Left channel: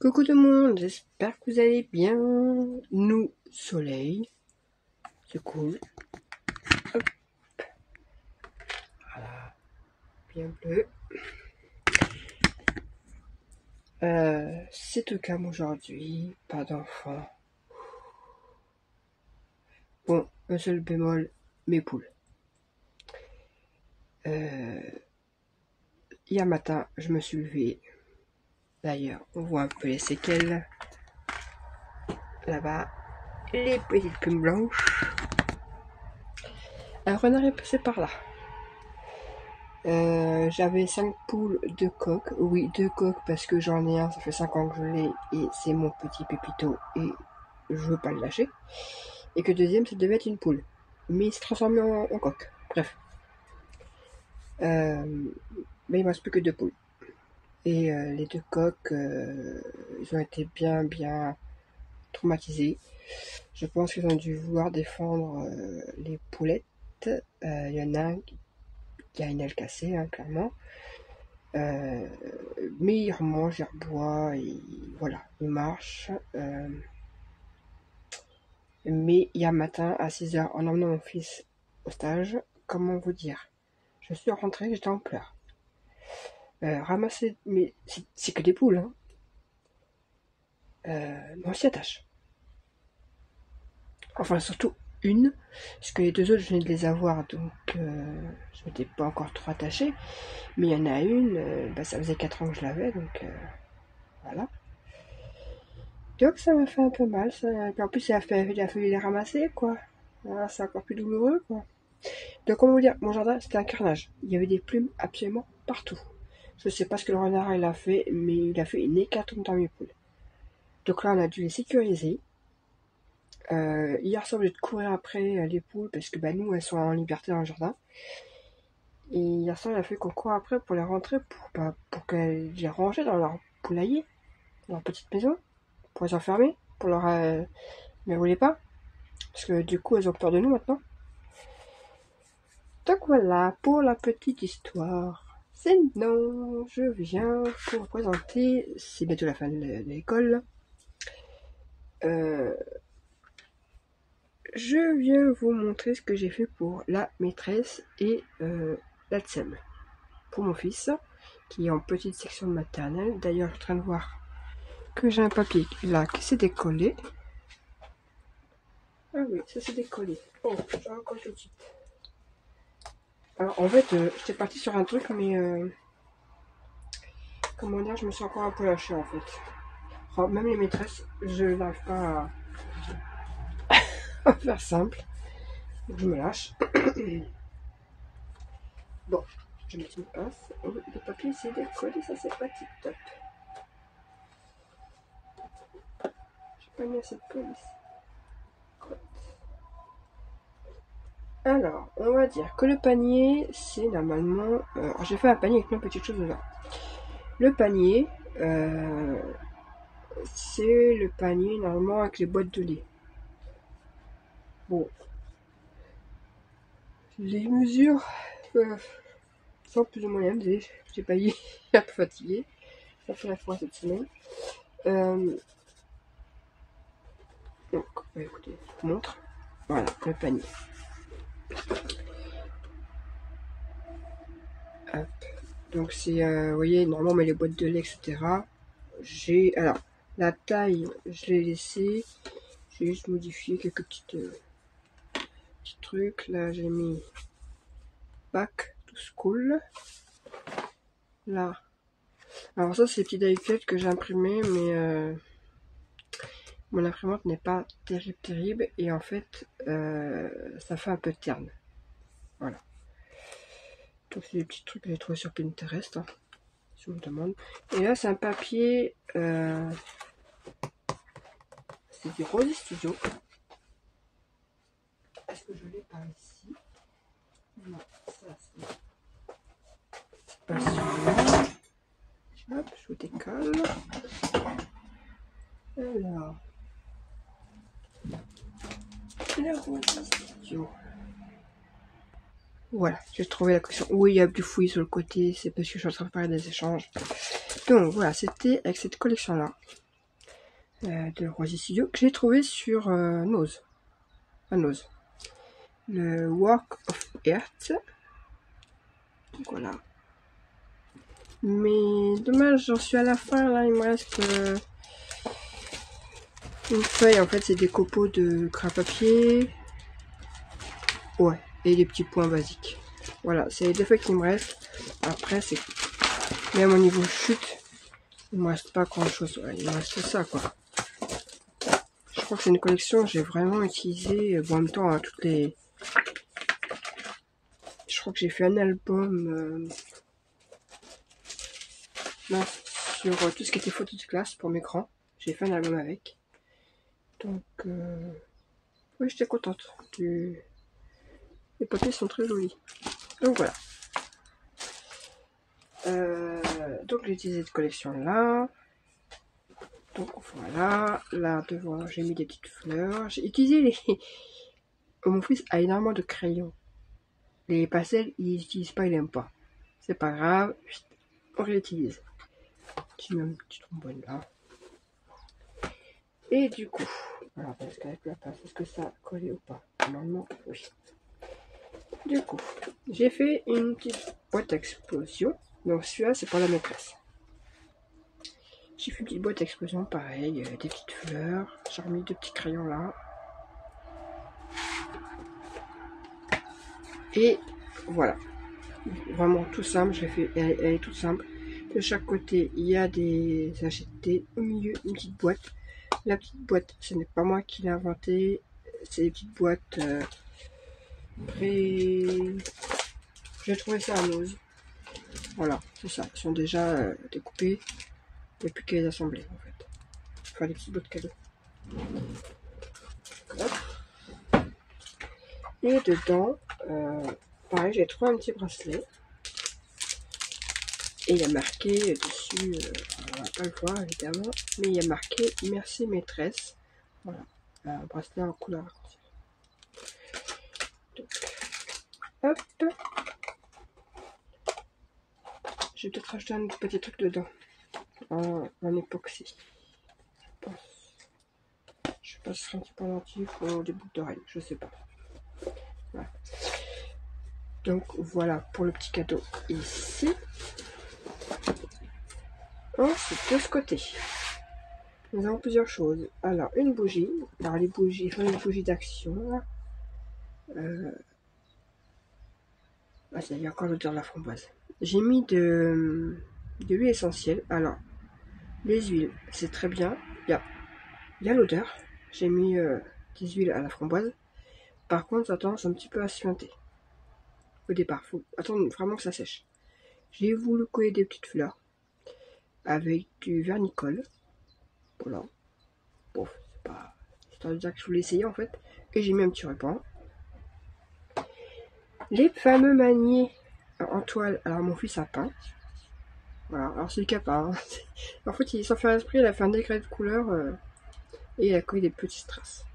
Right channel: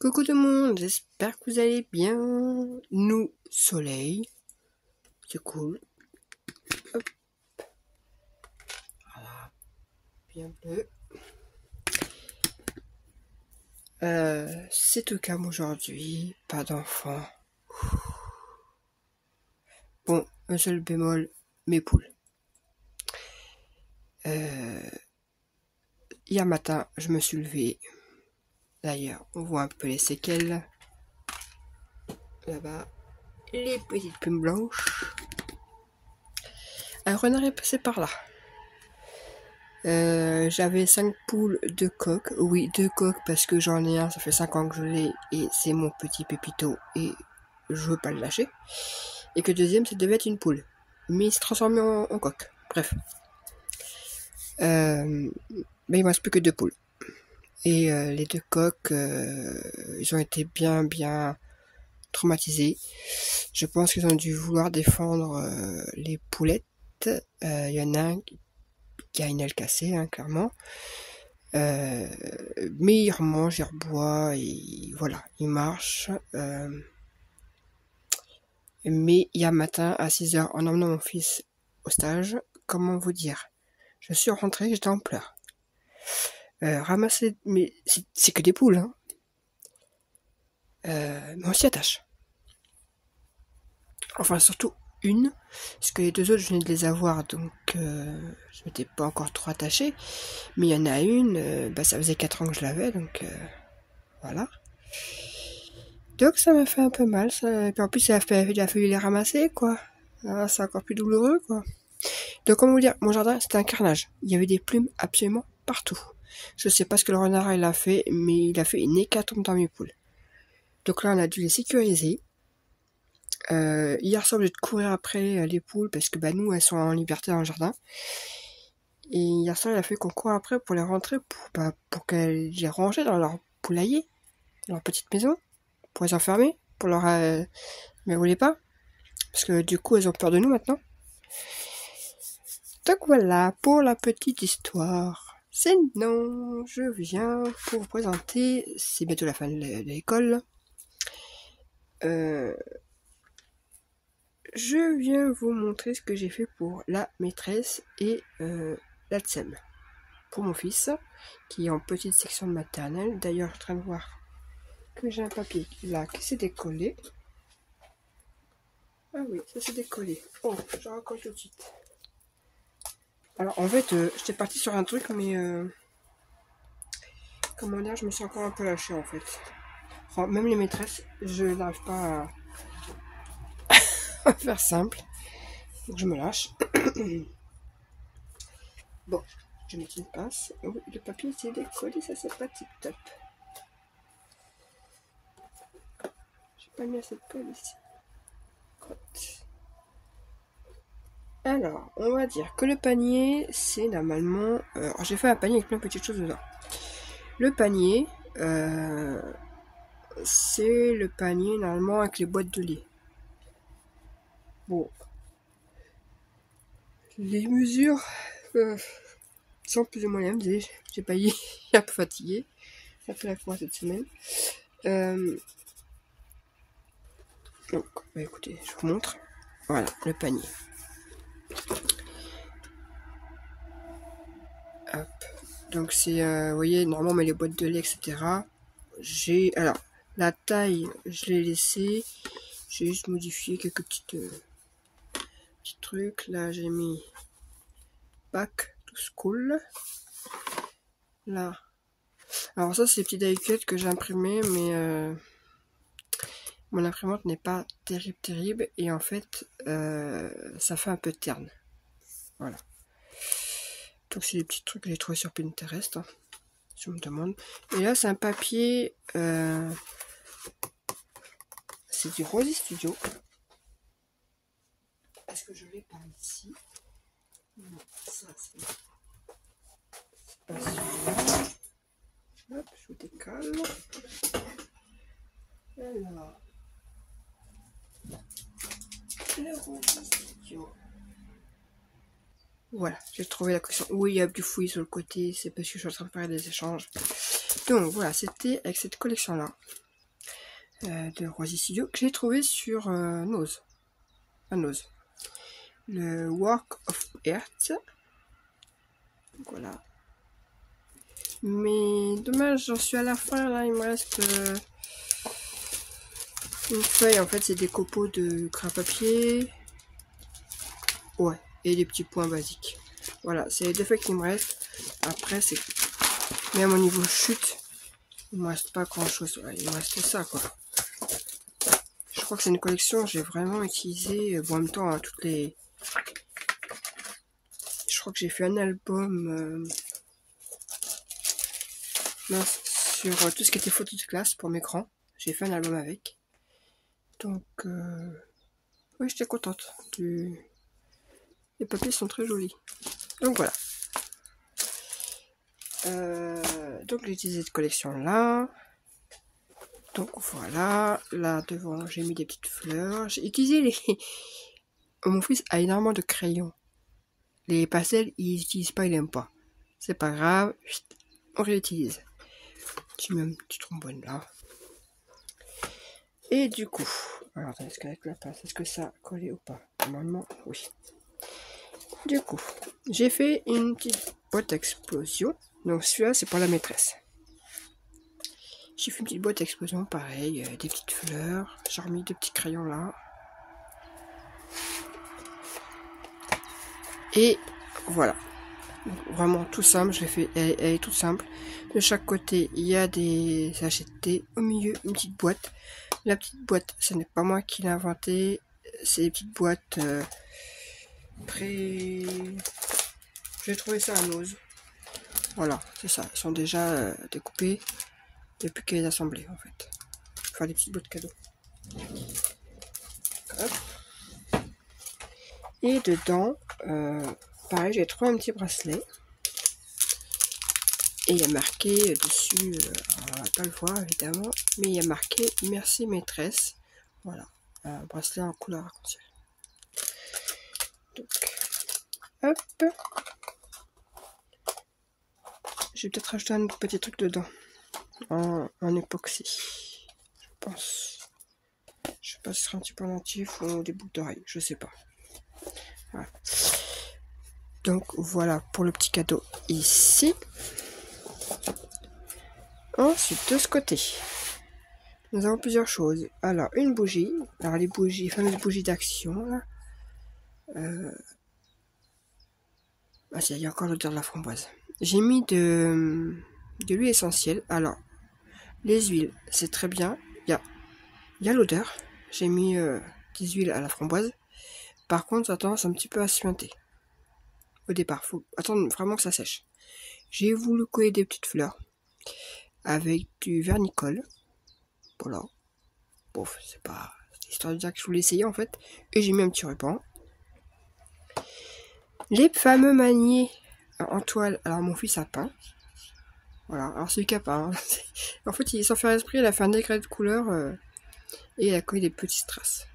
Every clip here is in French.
Coucou tout le monde, j'espère que vous allez bien. Nous, soleil, c'est cool. Hop. Voilà, bien bleu. C'est au calme aujourd'hui, pas d'enfants. Bon, un seul bémol, mes poules. Hier matin, je me suis levée. D'ailleurs, on voit un peu les séquelles. Là-bas, les petites plumes blanches. Un renard est passé par là. J'avais 5 poules, 2 coques. Oui, 2 coques parce que j'en ai un, ça fait 5 ans que je l'ai et c'est mon petit pépito et je veux pas le lâcher. Et que le deuxième, ça devait être une poule. Mais il s'est transformé en coque. Bref. Mais il me reste plus que 2 poules. Et les 2 coques, ils ont été bien traumatisés. Je pense qu'ils ont dû vouloir défendre les poulettes. Il y en a un qui a une aile cassée, hein, clairement. Mais il remange, il reboit, et voilà, il marche. Mais hier matin, à 6h, en emmenant mon fils au stage, comment vous dire, je suis rentrée, j'étais en pleurs. Ramasser, mais c'est que des poules, hein. Mais on s'y attache. Enfin, surtout une, parce que les deux autres, je venais de les avoir, donc je m'étais pas encore trop attachée. Mais il y en a une, ça faisait 4 ans que je l'avais, donc voilà. Donc ça m'a fait un peu mal, ça. Et puis en plus il a fallu les ramasser, quoi. Ah, c'est encore plus douloureux, quoi. Donc comment vous dire, mon jardin c'était un carnage. Il y avait des plumes absolument partout. Je sais pas ce que le renard il a fait, mais il a fait une hécatombe dans mes poules. Donc là on a dû les sécuriser. Hier soir j'ai dû courir après les poules parce que nous elles sont en liberté dans le jardin. Et hier soir il a fallu qu'on court après pour les rentrer pour qu'elles les rangent dans leur poulailler, dans leur petite maison, pour les enfermer, pour leur... mais vous voulez pas? Parce que du coup, elles ont peur de nous maintenant. Donc voilà, pour la petite histoire. Sinon, je viens pour vous présenter, c'est bientôt la fin de l'école. Je viens vous montrer ce que j'ai fait pour la maîtresse et la TSEM. Pour mon fils, qui est en petite section de maternelle. D'ailleurs, je suis en train de voir que j'ai un papier là qui s'est décollé. Ah oui, ça s'est décollé. Oh, je raccroche tout de suite. Alors en fait, j'étais partie sur un truc, mais comment dire, je me suis encore un peu lâchée en fait. Enfin, même les maîtresses, je n'arrive pas à faire simple. Donc je me lâche. Bon, je vais mettre une pince. Oh, le papier s'est décollé, ça c'est pas tip top. J'ai pas mis assez de colle ici. Alors, on va dire que le panier, c'est normalement... alors j'ai fait un panier avec plein de petites choses dedans. Le panier, c'est le panier normalement avec les boîtes de lait. Bon. Les mesures sont plus ou moins les mêmes. J'ai pas eu un peu fatigué. Ça fait la fois cette semaine. Donc, écoutez, je vous montre. Voilà, le panier. Hop. Donc c'est, vous voyez, normalement on met les boîtes de lait, etc. Alors, la taille, je l'ai laissée. J'ai juste modifié quelques petits trucs. Là, j'ai mis back to school. Là. Alors ça, c'est les petits die-cut que j'ai imprimés, mais mon imprimante n'est pas terrible. Et en fait, ça fait un peu terne. Voilà. Donc c'est des petits trucs que j'ai trouvé sur Pinterest, hein, si on me demande. Et là, c'est un papier... c'est du Rosy Studio. Est-ce que je l'ai par ici? Non, ça c'est pas celui-là. Hop, je vous décolle. Alors, le Rosy Studio. Voilà, j'ai trouvé la collection. Oui, il y a du fouillis sur le côté, c'est parce que je suis en train de faire des échanges. Donc voilà, c'était avec cette collection-là. de Rosy Studio que j'ai trouvé sur Nose. À Nose. Le Work of Art. Donc voilà. Mais dommage, j'en suis à la fin là, il me reste une feuille. En fait, c'est des copeaux de crabe papier. Ouais, et des petits points basiques. Voilà, c'est les deux feuilles qui me restent. Après, c'est même au niveau chute, il me reste pas grand chose. Il me reste ça quoi. Je crois que c'est une collection que j'ai vraiment utilisée. En même temps, à toutes les. Je crois que j'ai fait un album. Non, sur tout ce qui était photo de classe pour mes grands. J'ai fait un album avec. Donc, oui, j'étais contente. Les papiers sont très jolis. Donc voilà. Donc j'ai utilisé cette collection là. Donc voilà. Là devant, j'ai mis des petites fleurs. J'ai utilisé les. Mon fils a énormément de crayons. Les pastels, il n'utilise pas, il n'aime pas. C'est pas grave. On réutilise. Tu mets une petite trombone là. Et du coup, alors est-ce qu'avec la pince, est-ce que ça a collé ou pas? Normalement, oui. Du coup, j'ai fait une petite boîte explosion. Donc celui-là, c'est pour la maîtresse. J'ai fait une petite boîte explosion, pareil, des petites fleurs. J'ai remis deux petits crayons là. Et voilà. Vraiment tout simple, je l'ai fait, elle est toute simple. De chaque côté, il y a des sachets de thé. Au milieu, une petite boîte. La petite boîte, ce n'est pas moi qui l'ai inventée. C'est des petites boîtes j'ai trouvé ça à Nose. Voilà, c'est ça. Elles sont déjà découpées. Il n'y a plus qu'à les assembler en fait. Enfin, les petites boîtes cadeaux. Et dedans, pareil, j'ai trouvé un petit bracelet. Et il y a marqué dessus, on ne va pas le voir évidemment, mais il y a marqué merci maîtresse. Voilà, un bracelet en couleur arc-en-ciel. Donc, hop. Je vais peut-être rajouter un petit truc dedans, en époxy, je pense. Je sais pas si ce sera un petit pendentif ou des boucles d'oreilles, je sais pas. Voilà. Donc voilà pour le petit cadeau ici. Ensuite, de ce côté, nous avons plusieurs choses. Alors, une bougie. Alors, les bougies, les fameuses bougies d'action, là. Ah, il y a encore l'odeur de la framboise. J'ai mis de l'huile essentielle. Alors, les huiles, c'est très bien. Il y a l'odeur. J'ai mis des huiles à la framboise. Par contre, ça a tendance un petit peu à suinter. Au départ, faut attendre vraiment que ça sèche. J'ai voulu coller des petites fleurs avec du vernicole. Voilà. Bon, c'est pas histoire de dire que je voulais essayer en fait. Et j'ai mis un petit ruban. Les fameux maniers en toile. Alors mon fils a peint. Voilà, alors celui qui a peint. En fait, il s'en fait esprit, il a fait un décret de couleur et il a collé des petites traces.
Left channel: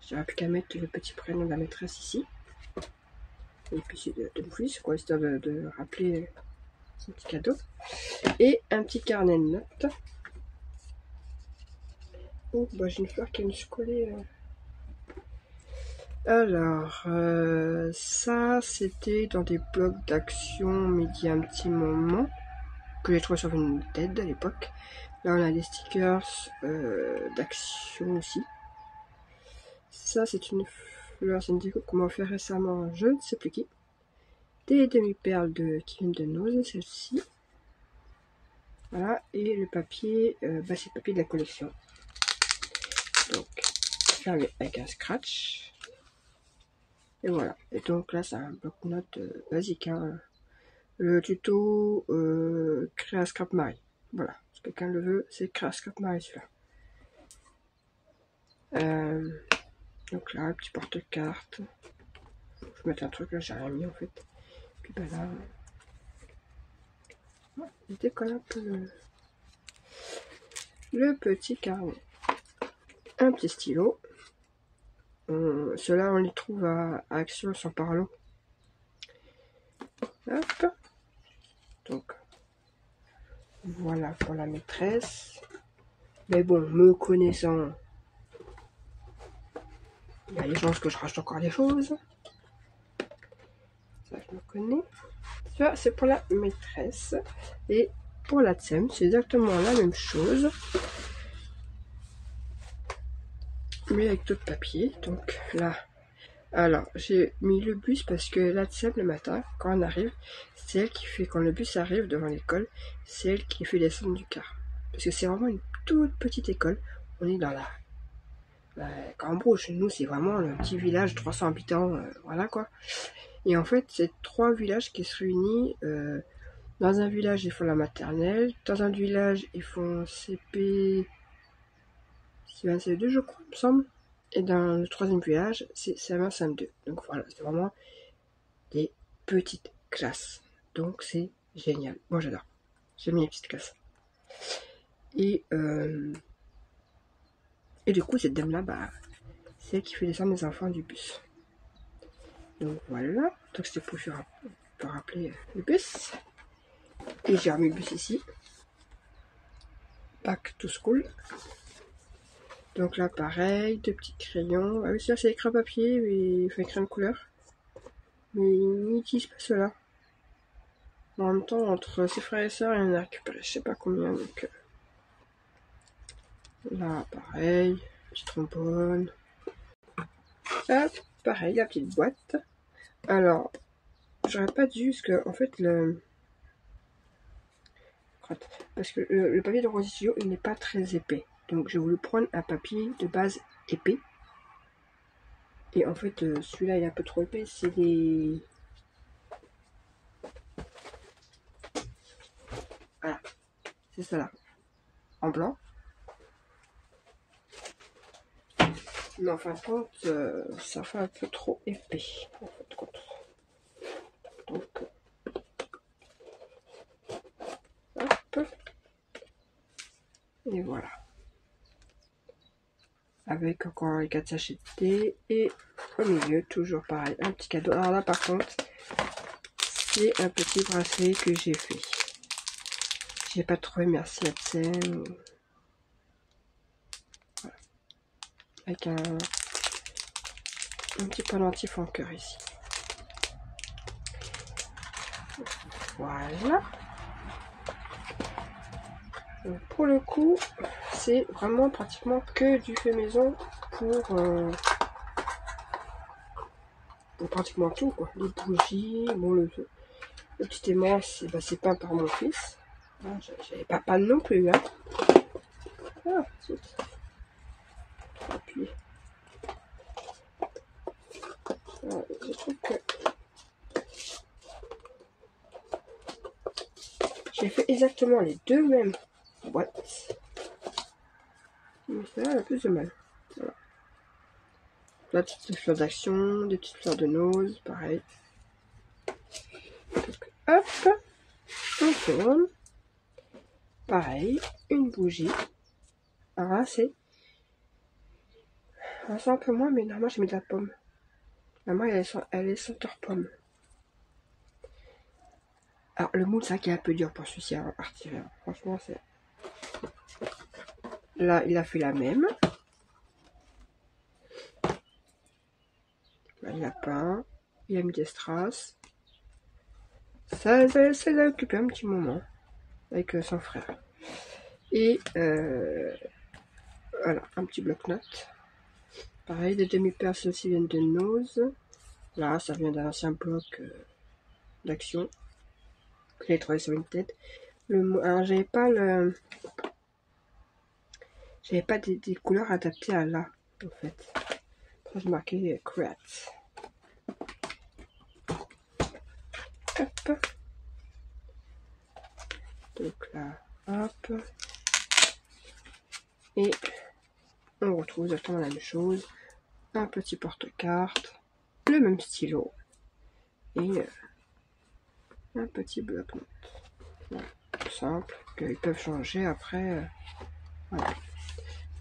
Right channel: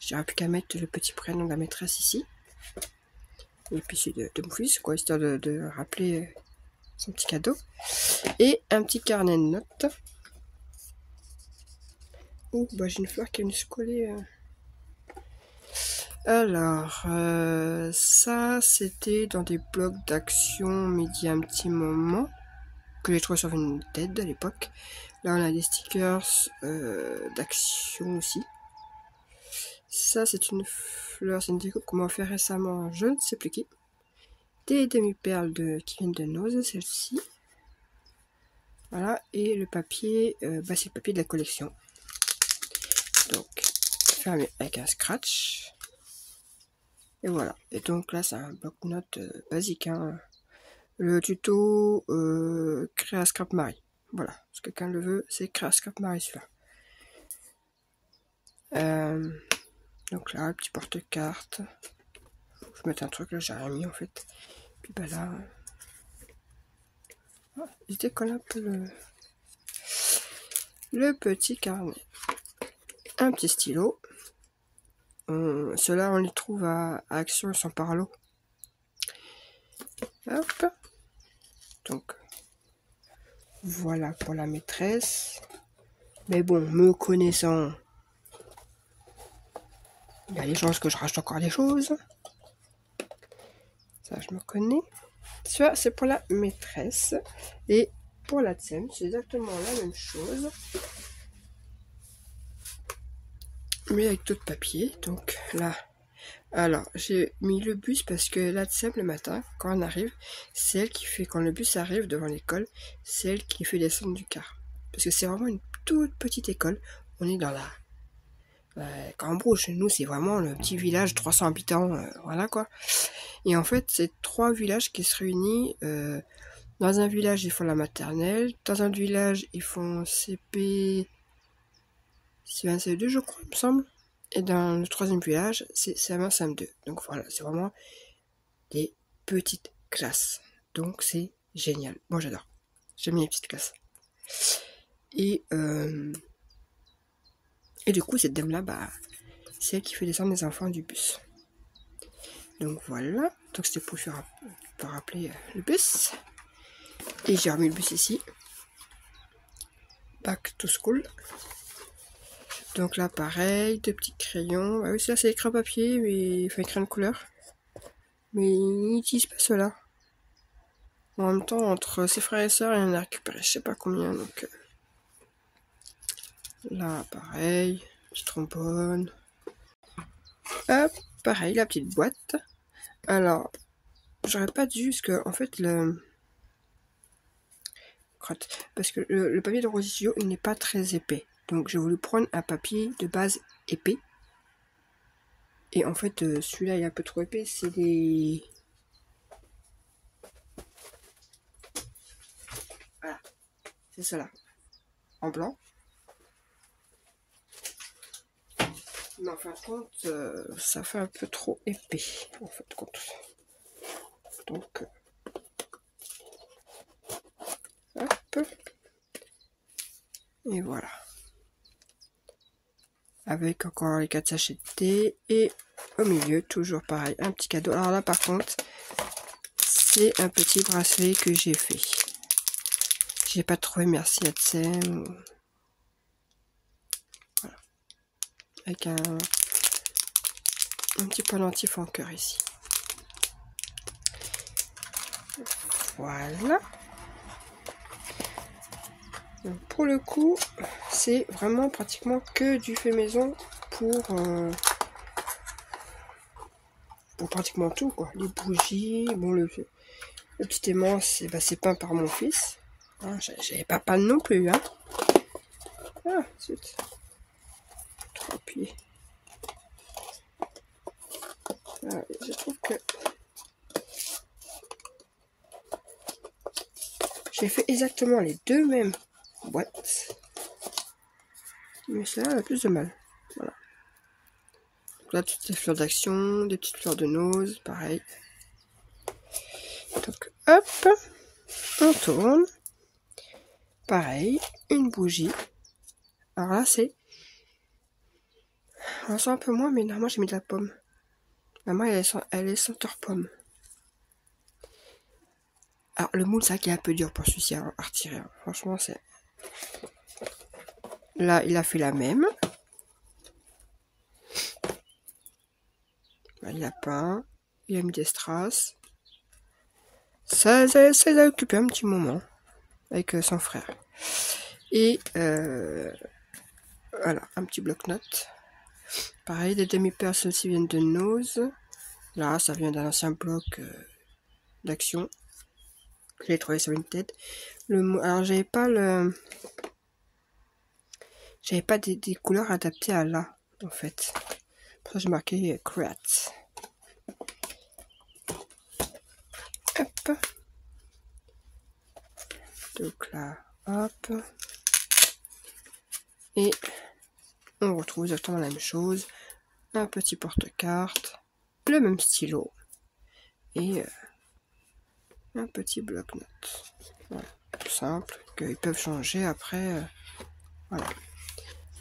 J'aurais plus qu'à mettre le petit prénom de la maîtresse ici. Et puis c'est de mon fils, quoi, histoire de rappeler son petit cadeau. Et un petit carnet de notes. Oh, bah j'ai une fleur qui est venue se coller. Alors, ça c'était dans des blocs d'action, mais il y a un petit moment, que j'ai trouvé sur une TED à l'époque. Là on a des stickers d'action aussi. Ça c'est une fleur, c'est une déco qu'on m'a offert récemment, je ne sais plus qui. Des demi-perles qui viennent de Nose, celle-ci. Voilà, et le papier, c'est le papier de la collection. Donc, fermé avec un scratch. Et voilà. Et donc là, c'est un bloc-notes basique. Hein. Le tuto créer un scrap Marie. Voilà. Si quelqu'un le veut, c'est créer un scrap Marie celui-là. Donc là, le petit porte-carte. Je vais mettre un truc là, j'ai rien mis en fait. Puis bah là. Je décolle un peu le petit carnet. Un petit stylo. Ceux-là, on les trouve à Action sans Parlo. Hop. Donc, voilà pour la maîtresse. Mais bon, me connaissant, il y a des chances que je rachète encore des choses. Ça, je me connais. Ça, c'est pour la maîtresse. Et pour la TSEM, c'est exactement la même chose. Mais avec d'autres papiers. Donc là, alors j'ai mis le bus parce que la TSEM le matin, quand on arrive, c'est elle qui fait, quand le bus arrive devant l'école, c'est elle qui fait descendre du car. Parce que c'est vraiment une toute petite école. On est dans la Cambrouge, chez nous, c'est vraiment le petit village, 300 habitants, voilà quoi. Et en fait, c'est 3 villages qui se réunissent. Dans un village, ils font la maternelle. Dans un village, ils font CP, CE1, CE2, je crois, il me semble. Et dans le 3e village, c'est CM1, CM2. Donc voilà, c'est vraiment des petites classes. Donc c'est génial. Moi, j'adore. J'aime bien les petites classes. Et du coup, cette dame-là, bah, c'est elle qui fait descendre les enfants du bus. Donc voilà. Donc c'était pour rappeler le bus. Et j'ai remis le bus ici. Back to school. Donc là, pareil, 2 petits crayons. Ah oui, ça c'est écrit papier, mais enfin écrit de couleur. Mais il n'utilise pas cela. En même temps, entre ses frères et sœurs, il en a récupéré je sais pas combien. Donc là, pareil, petit trombone. Hop, pareil, la petite boîte. Alors, j'aurais pas dû, parce que en fait, parce que le papier de Rosio n'est pas très épais. Donc j'ai voulu prendre un papier de base épais. Et en fait, celui-là, il est un peu trop épais. C'est des... Voilà, c'est ça là. En blanc. Mais en fin de compte, ça fait un peu trop épais. En fin de compte. Donc, hop. Et voilà. Avec encore les 4 sachets de thé. Et au milieu, toujours pareil, un petit cadeau. Alors là, par contre, c'est un petit bracelet que j'ai fait. J'ai pas trouvé, merci à Tsem. Voilà. Avec un petit pendentif en cœur ici. Voilà. Donc pour le coup, c'est vraiment pratiquement que du fait maison pour pratiquement tout, quoi. Les bougies, bon, le petit aimant, c'est peint par mon fils. Hein, j'avais pas panne non plus, hein. Ah, zut. 3 pieds. Ah, je trouve que j'ai fait exactement les 2 mêmes boîtes. Mais celle-là, elle a plus de mal. Voilà. Là, des petites fleurs d'action, des petites fleurs de nose, pareil. Donc, hop, on tourne. Pareil, une bougie. Alors là, on sent un peu moins, mais normalement, j'ai mis de la pomme. Maman, elle est senteur pomme. Alors, le moule, c'est vrai qu'il est un peu dur pour celui-ci à retirer. Hein. Franchement, c'est... Là, il a fait la même. Là, il a peint. Il a mis des strass. Ça les a occupé un petit moment. Avec son frère. Et voilà, un petit bloc-notes. Pareil, des demi-perles aussi viennent de Nose. Là, ça vient d'un ancien bloc d'action. J'ai trouvé sur une tête. Alors, j'avais pas des couleurs adaptées à là, en fait. Pour ça, j'ai marqué Create. Hop. Donc là, hop. Et on retrouve exactement la même chose. Un petit porte-carte, le même stylo et un petit bloc-notes. Voilà, tout simple, qu'ils peuvent changer après. Voilà.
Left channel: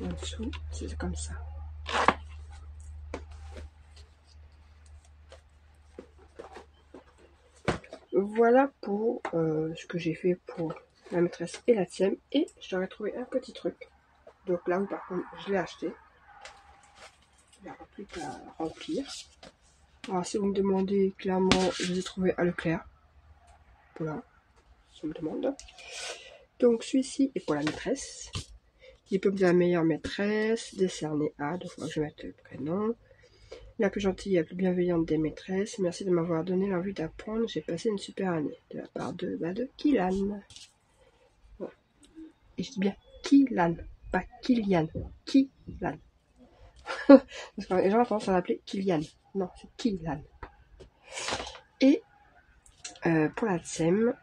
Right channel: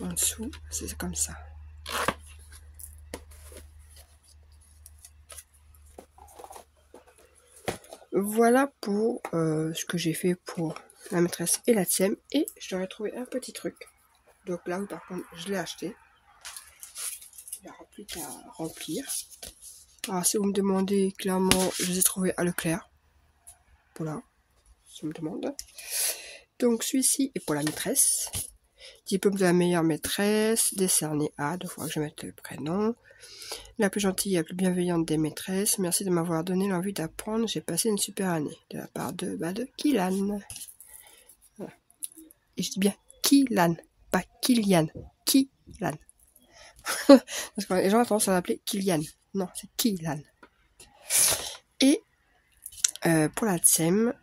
En dessous, c'est comme ça. Voilà pour ce que j'ai fait pour la maîtresse et la tienne. Et je leur ai trouvé un petit truc. Donc là, oui, par contre, je l'ai acheté. Il n'y aura plus qu'à remplir. Alors, si vous me demandez, clairement, je les ai trouvés à Leclerc. Voilà, si on me demande. Donc, celui-ci est pour la maîtresse. Diplôme de la meilleure maîtresse, décerné à, 2 fois que je mette le prénom. La plus gentille et la plus bienveillante des maîtresses. Merci de m'avoir donné l'envie d'apprendre. J'ai passé une super année. De la part de Kylan. Voilà. Et je dis bien Kylan, pas Kylian. Kylan. Parce que les gens ont tendance à l'appeler Kylian. Non, c'est Kylan. Et pour la TSEM,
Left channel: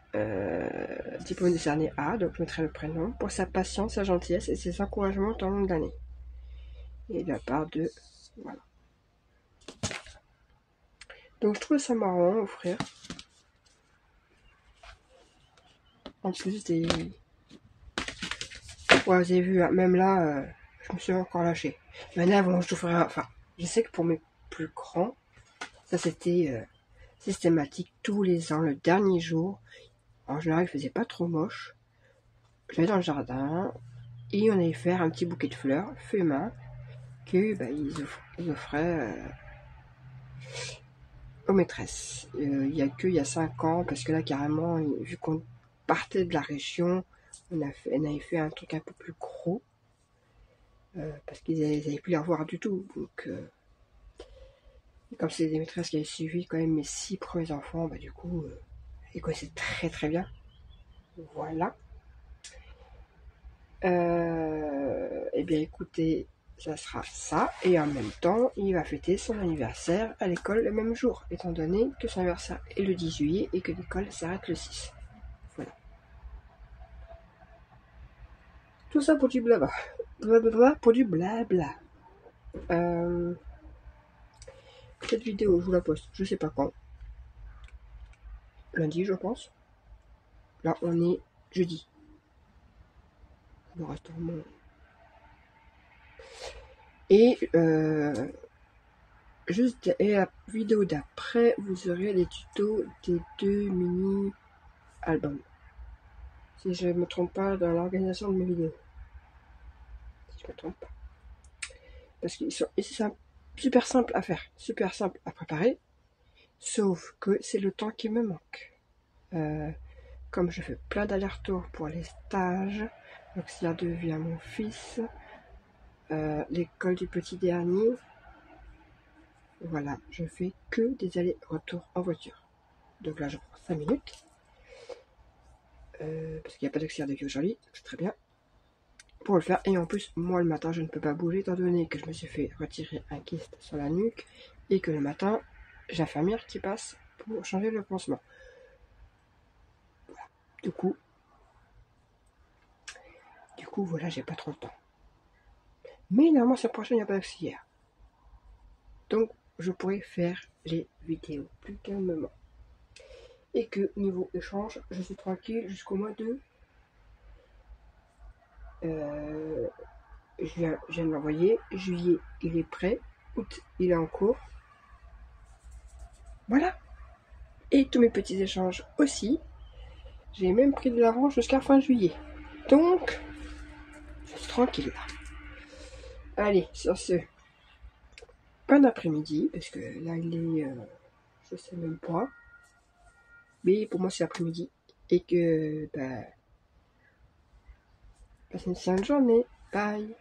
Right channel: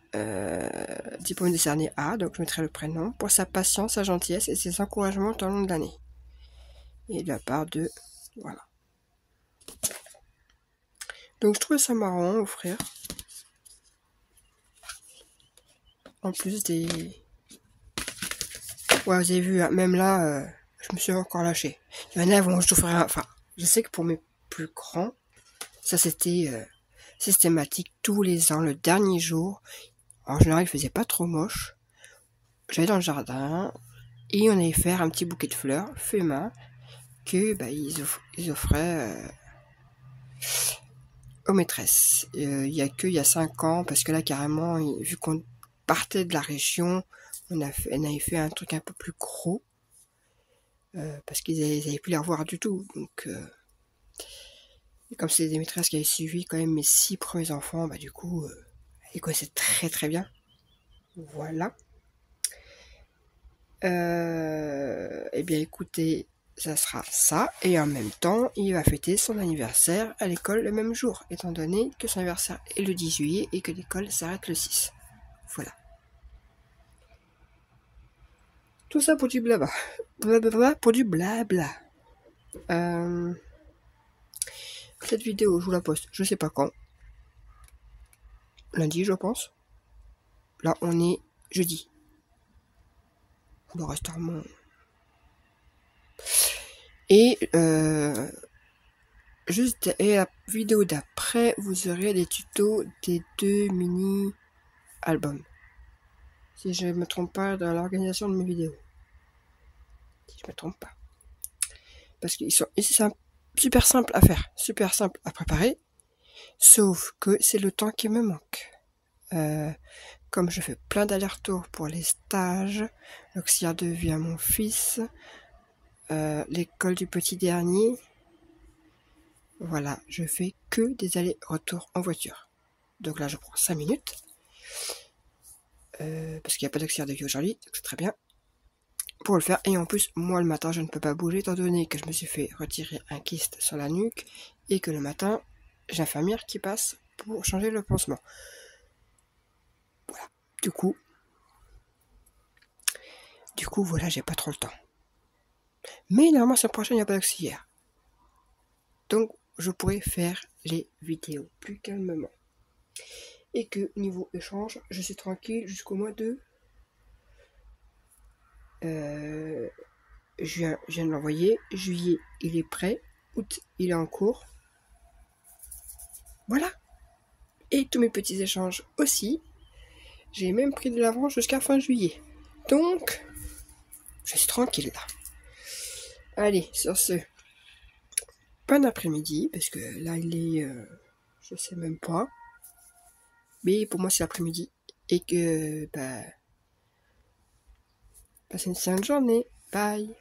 diplôme décerné à, donc je mettrai le prénom, pour sa patience, sa gentillesse et ses encouragements tout au long de l'année. Et de la part de... Voilà. Donc je trouvais ça marrant, offrir. En plus des... Ouais, vous avez vu, hein, même là, je me suis encore lâché. Il y en a, bon, je t'offrirai... Enfin, je sais que pour mes plus grands, ça c'était systématique tous les ans, le dernier jour. En général, il faisait pas trop moche. J'allais dans le jardin et on allait faire un petit bouquet de fleurs, feuilles main, que bah, ils offraient aux maîtresses. Il y a 5 ans, parce que là carrément, vu qu'on partait de la région, on avait fait un truc un peu plus gros, parce qu'ils n'avaient plus les revoir du tout. Donc, comme c'est des maîtresses qui avaient suivi quand même mes 6 premiers enfants, bah du coup, ils connaissaient très très bien. Voilà. Eh bien écoutez, ça sera ça, et en même temps, il va fêter son anniversaire à l'école le même jour, étant donné que son anniversaire est le 10 juillet et que l'école s'arrête le 6. Voilà. Tout ça pour du blabla. Blablabla pour du blabla. Cette vidéo, je vous la poste, je sais pas quand. Lundi, je pense. Là, on est jeudi. Le reste mon... Et juste et la vidéo d'après, vous aurez les tutos des 2 mini-albums. Si je ne me trompe pas dans l'organisation de mes vidéos. Si je ne me trompe pas. Parce que c'est super simple à faire, super simple à préparer. Sauf que c'est le temps qui me manque. Comme je fais plein d'allers-retours pour les stages, l'auxiliaire de vie à mon fils, l'école du petit dernier, voilà, je fais que des allers-retours en voiture. Donc là, je prends 5 minutes. Parce qu'il n'y a pas d'auxiliaire de vie aujourd'hui, donc c'est très bien. Pour le faire, et en plus, moi le matin, je ne peux pas bouger, étant donné que je me suis fait retirer un kyste sur la nuque, et que le matin, j'ai l'infirmière qui passe pour changer le pansement. Voilà. Du coup, voilà, j'ai pas trop le temps. Mais normalement, sur la prochaine, il n'y a pas d'auxiliaire. Donc, je pourrais faire les vidéos plus calmement. Et que, niveau échange, je suis tranquille jusqu'au mois de... Juin, je viens de l'envoyer. Juillet, il est prêt. Août, il est en cours. Voilà. Et tous mes petits échanges aussi. J'ai même pris de l'avance jusqu'à fin juillet. Donc, je suis tranquille là. Allez, sur ce, bon après-midi, parce que là il est, je sais même pas, mais pour moi c'est l'après-midi, et que, bah, passez une sainte journée, bye.